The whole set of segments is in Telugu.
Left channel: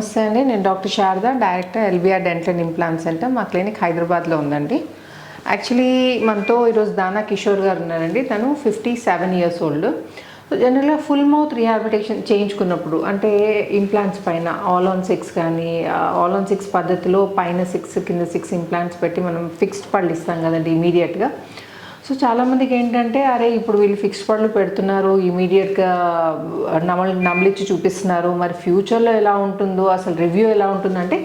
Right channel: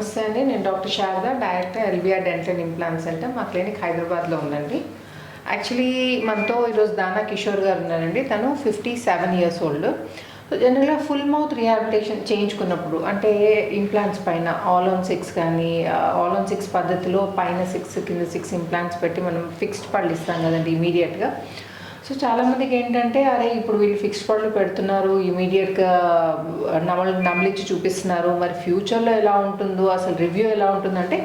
నమస్తే అండి, నేను doctor Sharada, director LBR dental and implant centre. మా క్లినిక్ హైదరాబాద్లో ఉందండి. యాక్చువల్లీ మనతో ఈరోజు దానా కిషోర్ గారు ఉన్నారండి. తను 57 ఇయర్స్ ఓల్డ్. సో జనరల్గా ఫుల్ మౌత్ రీహాబిలిటేషన్ చేయించుకున్నప్పుడు అంటే ఇంప్లాంట్స్ పైన ఆల్ ఆన్ 6 కానీ ఆల్ ఆన్ 6 పద్ధతిలో పైన 6 కింద 6 ఇంప్లాంట్స్ పెట్టి మనం ఫిక్స్డ్ పళ్ళు ఇస్తాం కదండి ఇమీడియట్గా. సో చాలామందికి ఏంటంటే అరే ఇప్పుడు వీళ్ళు ఫిక్స్డ్ పళ్ళు పెడుతున్నారు, ఇమీడియట్గా నమలిచ్చి చూపిస్తున్నారు, మరి ఫ్యూచర్లో ఎలా ఉంటుందో, అసలు రివ్యూ ఎలా ఉంటుందంటే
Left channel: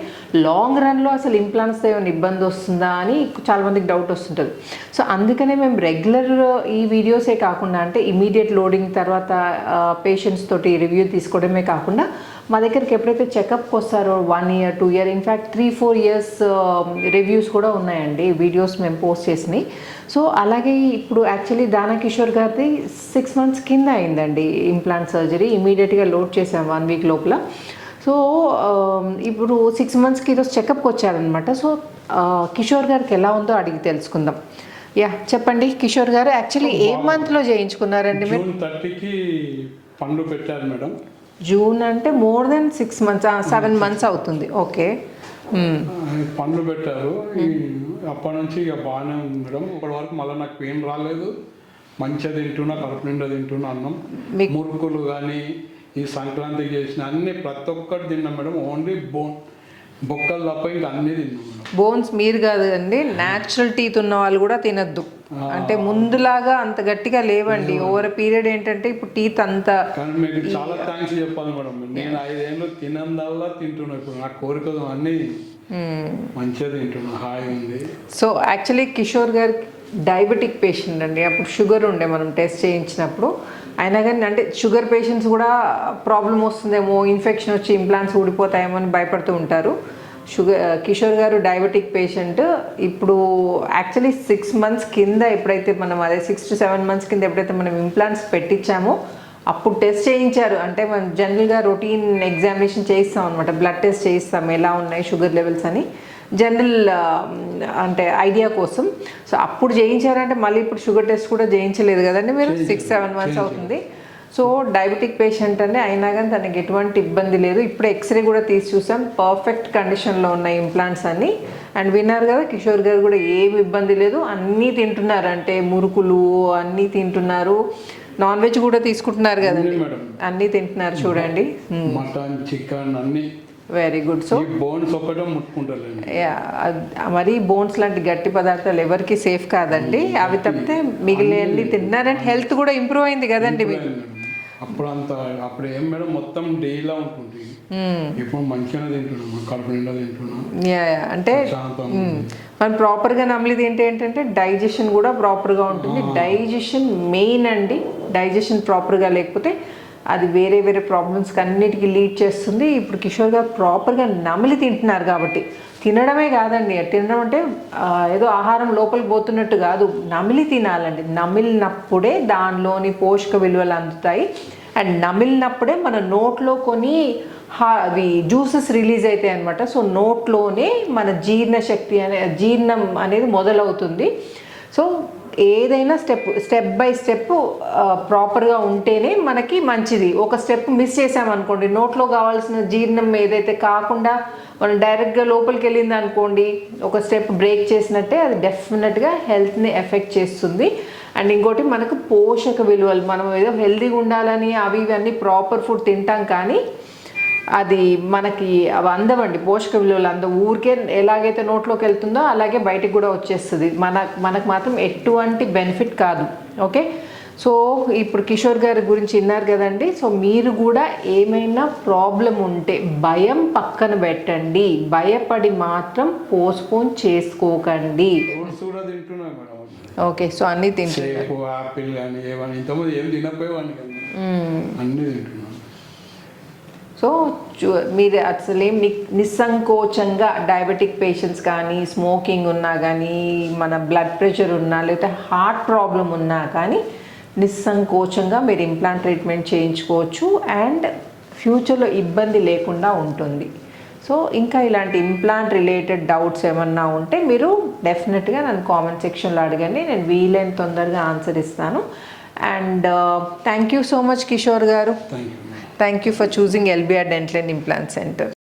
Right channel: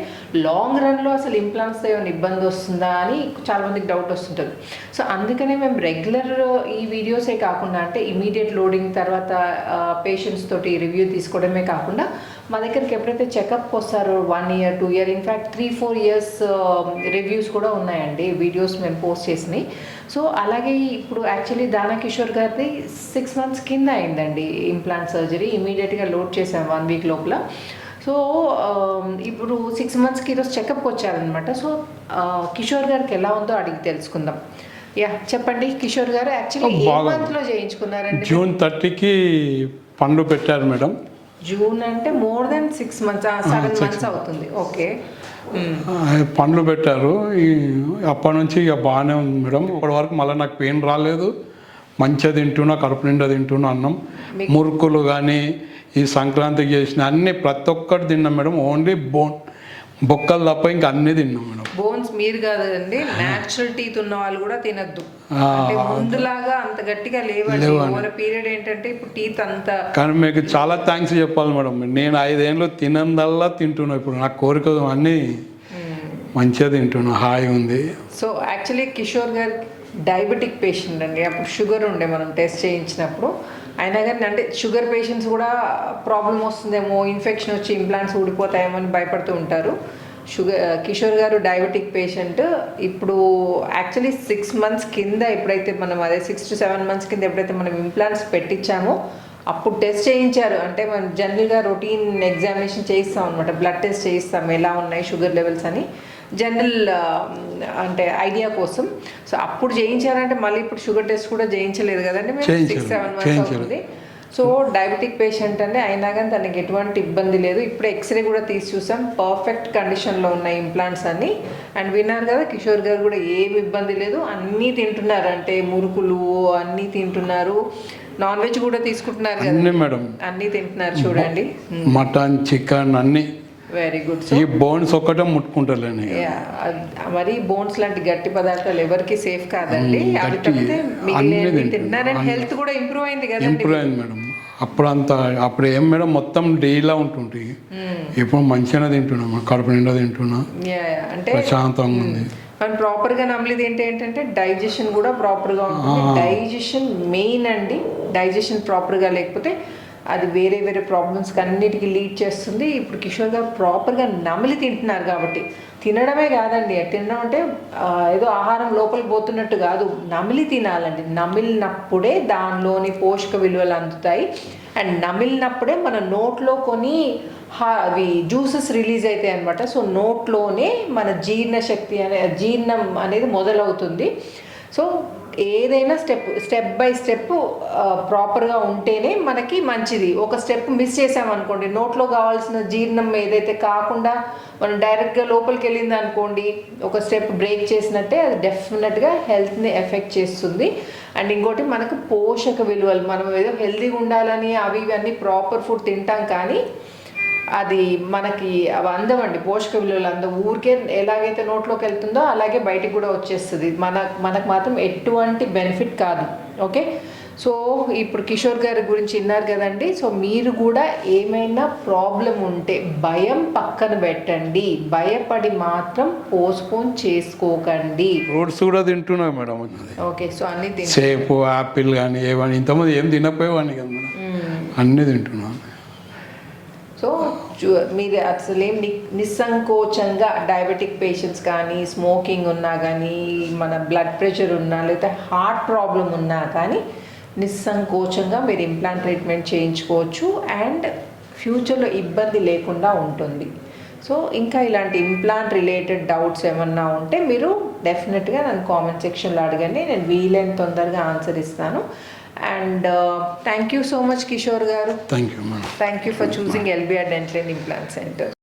లాంగ్ రన్లో అసలు ఇంప్లాంట్స్ ఏమైనా ఇబ్బంది వస్తుందా అని చాలామందికి డౌట్ వస్తుంటుంది. సో అందుకనే మేము రెగ్యులర్ ఈ వీడియోసే కాకుండా అంటే ఇమీడియట్ లోడింగ్ తర్వాత పేషెంట్స్ తోటి రివ్యూ తీసుకోవడమే కాకుండా మా దగ్గరికి ఎప్పుడైతే చెకప్ వస్తారో 1 year 2 year in fact 3-4 years reviews కూడా ఉన్నాయండి, వీడియోస్ మేము పోస్ట్ చేసినాయి. సో అలాగే ఇప్పుడు యాక్చువల్లీ దానా కిషోర్ గారిది 6 months కింద అయిందండి ఇంప్లాంట్ సర్జరీ. ఇమీడియట్గా లోడ్ చేసాం 1 week లోపల. సో ఇప్పుడు 6 monthsకి ఈరోజు చెకప్కి వచ్చారనమాట. సో కిషోర్ గారికి ఎలా ఉందో అడిగి తెలుసుకుందాం. యా చెప్పండి కిషోర్ గారు, యాక్చువల్లీ ఏ మంత్లో చేయించుకున్నారండి? June 30కి పండు పెట్టారు మేడం. జూన్ అంటే మోర్ దెన్ 6 months, 7 months అవుతుంది. ఓకే, పండ్లు పెట్టారు. అప్పటి నుంచి ఇక బాగానే ఉంది మేడం. ఇప్పటి వరకు మళ్ళీ నాకు పెయిన్ రాలేదు. మంచిగా తింటున్నా, కడుపు నిండా తింటున్నా. అన్నం మురుకులు కానీ ఈ సంక్రాంతికి చేసిన అన్ని ప్రతి ఒక్కటి తిన్నాం మేడం. ఓన్లీ బొక్కలు తప్ప ఇంకా అన్నీ తిన్నాం మేడం. బోన్స్ మీరు కాదండి, న్యాచురల్ టీత్ ఉన్న వాళ్ళు కూడా తినద్దు. అంటే ముందులాగా అంత గట్టిగా లేవండి. ఓవర్ పీరియడ్ ఏంటంటే ఇప్పుడు టీత్ అంత. కానీ మీకు చాలా థ్యాంక్స్ చెప్పాలి మేడం. నేను 5 ఏళ్ళు తినందల్లా తింటున్నా. ఇప్పుడు నాకు కోరిక అన్నీ మంచిగా తింటున్నా, హాయి ఉంది. సో యాక్చువల్లీ కిషోర్ గారు డయాబెటిక్ పేషెంట్ అండి. అప్పుడు షుగర్ ఉండే మనం టెస్ట్ చేయించినప్పుడు. అయినా కానీ అంటే షుగర్ పేషెంట్స్ కూడా ప్రాబ్లం వస్తుందేమో, ఇన్ఫెక్షన్ వచ్చి ఇంప్లాంట్స్ ఊడిపోతాయేమో అని భయపడుతూ ఉంటారు. కిషోర్ గారు డయాబెటిక్ పేషెంట్. ఇప్పుడు యాక్చువల్లీ 6 months కింద ఎప్పుడైతే మనం 6 to 7 months కింద ఎప్పుడైతే మనం ఇంప్లాంట్స్ పెట్టించామో అప్పుడు టెస్ట్ చేయించారు. అంటే మనం జనరల్గా రొటీన్ ఎగ్జామినేషన్ చేయిస్తాం అనమాట, బ్లడ్ టెస్ట్ చేయిస్తాం ఎలా ఉన్నాయి షుగర్ లెవెల్స్ అని, జనరల్ అంటే ఐడియా కోసం. సో అప్పుడు చేయించారంటే మళ్ళీ ఇప్పుడు షుగర్ టెస్ట్ కూడా చేయించలేదు కదండి మీరు, 6-7 months అవుతుంది. సో డయాబెటిక్ పేషెంట్ అని అయినా కానీ తనకి ఎటువంటి ఇబ్బంది లేదు. ఇప్పుడు ఎక్స్రే కూడా తీసి చూసాం, పర్ఫెక్ట్ కండిషన్లో ఉన్నాయి ఇంప్లాంట్స్ అన్ని. అండ్ విన్నారు కదా కిషోర్ గారు కూడా ఏమి ఇబ్బంది లేదు, అన్నీ తింటున్నారు. అంటే మురుకులు అన్నీ తింటున్నారు, నాన్ వెజ్ కూడా తీసుకుంటున్నారు కదా మేడం, అన్నీ తింటున్నారు చూడండి. మటన్, చికెన్ అన్నీ వెరీ గుడ్. సో ఈ బోన్స్ ఒక్కటే ముట్టుకుంటారండి. మరి బోన్స్ లాంటి గట్టి పదార్థాలు ఎవరికి సేఫ్ కాదండి. అవి తప్పితే మిగిలినవి తింటున్నారని హెల్త్ కూడా ఇంప్రూవ్ అయింది కదండి మేడం. అప్పుడు ఏం మేడం మొత్తం డేలా ఉంటుంటాయి. ఇప్పుడు మంచిగా తింటున్నాం, కడుపు నిండా తింటున్నా, అంటే ప్రశాంతంగా ఉంది. మనం ప్రాపర్గా నమ్మలేదు ఏంటంటే డైజెషన్ కూడా ప్రాపర్గా ఉంటుంది. డైజెషన్ మెయిన్ అండి. డైజెషన్ ప్రాపర్గా లేకపోతే అది వేరే వేరే ప్రాబ్లమ్స్కి అన్నిటికీ లీడ్ చేస్తుంది. ఇప్పుడు కిషోర్ గారు ప్రాపర్గా నమిలి తింటున్నారు కాబట్టి, తినడమే కాదండి, తినడం అంటే ఏదో ఆహారం లోపలికి పోతున్నట్టు కాదు, నమిలి తినాలండి. నమిలినప్పుడే దానిలోని పోషక విలువలు అందుతాయి. అండ్ నమిలినప్పుడే మన నోట్లో కొన్ని అవి జ్యూసెస్ రిలీజ్ అవుతాయి అనమాట. సో నోట్లోనే మన జీర్ణం అనేది మొదలవుతుంది. సో ఏదైనా స్టెప్ బై స్టెప్ ప్రాపర్గా ఉంటేనే మనకి మంచిది. ఒక స్టెప్ మిస్ చేసామనుకోండి, నోట్లో కావాల్సిన జీర్ణం ఏదైతే కాకుండా మనం డైరెక్ట్గా లోపలికి వెళ్ళింది అనుకోండి, ఒక స్టెప్ బ్రేక్ చేసినట్టే అది డెఫినెట్గా హెల్త్ని ఎఫెక్ట్ చేస్తుంది. అండ్ ఇంకోటి మనకు పోషక విలువలు, మనం ఏదో హెల్తీగా ఉండాలని అవి ఇవన్నీ ప్రాపర్ ఫుడ్ తింటాం కానీ అది మనకి అవి అందవండి. పోషక విలువలు ఊరికే ఎలాగైతే నోట్లోకి వెళ్తుందో అలాగే బయటకు కూడా వచ్చేస్తుంది. మనకు మాత్రం ఎటువంటి బెనిఫిట్ కాదు. ఓకే, సో ఇప్పుడు కిషోర్ గారి గురించి విన్నారు కదండి. సో మీరు కూడా ఏమైనా ప్రాబ్లం ఉంటే భయం పక్కన పెట్టండి, భయపడి మాత్రం పోస్ట్పోన్ చేసుకోకండి. ఫ్రూట్స్ కూడా తింటున్నా మేడం. ఓకే, సో అన్నీ సేపు, యాపిల్ కానీ ఏమని ఇంతమంది ఏం తినకపోయేవాడిని కదా, అన్నీ తింటున్నాను. సో మీరు అసలు ఏం నిస్సంకోచంగా డయాబెటిక్ పేషెంట్స్ కానీ, స్మోకింగ్ ఉన్నా కానీ, మన బ్లడ్ ప్రెషర్ ఉన్నా, లేకపోతే హార్ట్ ప్రాబ్లం ఉన్నా కానీ నిస్సంకోచంగా మీరు ఇంప్లాంట్ ట్రీట్మెంట్ చేయించుకోవచ్చు. అండ్ ఫ్యూచర్లో ఇబ్బంది లేకుండా ఉంటుంది. సో ఇంకా ఇలాంటి ఇంప్లాంట్ రిలేటెడ్ డౌట్స్ ఏమన్నా ఉంటే మీరు డెఫినెట్గా నన్ను కామెంట్ సెక్షన్లో అడగండి, నేను వీలైన తొందరగా ఆన్సర్ ఇస్తాను. And thank you so much, Kishore garu. Thank you, ma'am. Thank you for choosing LBR Dental and Implant Center.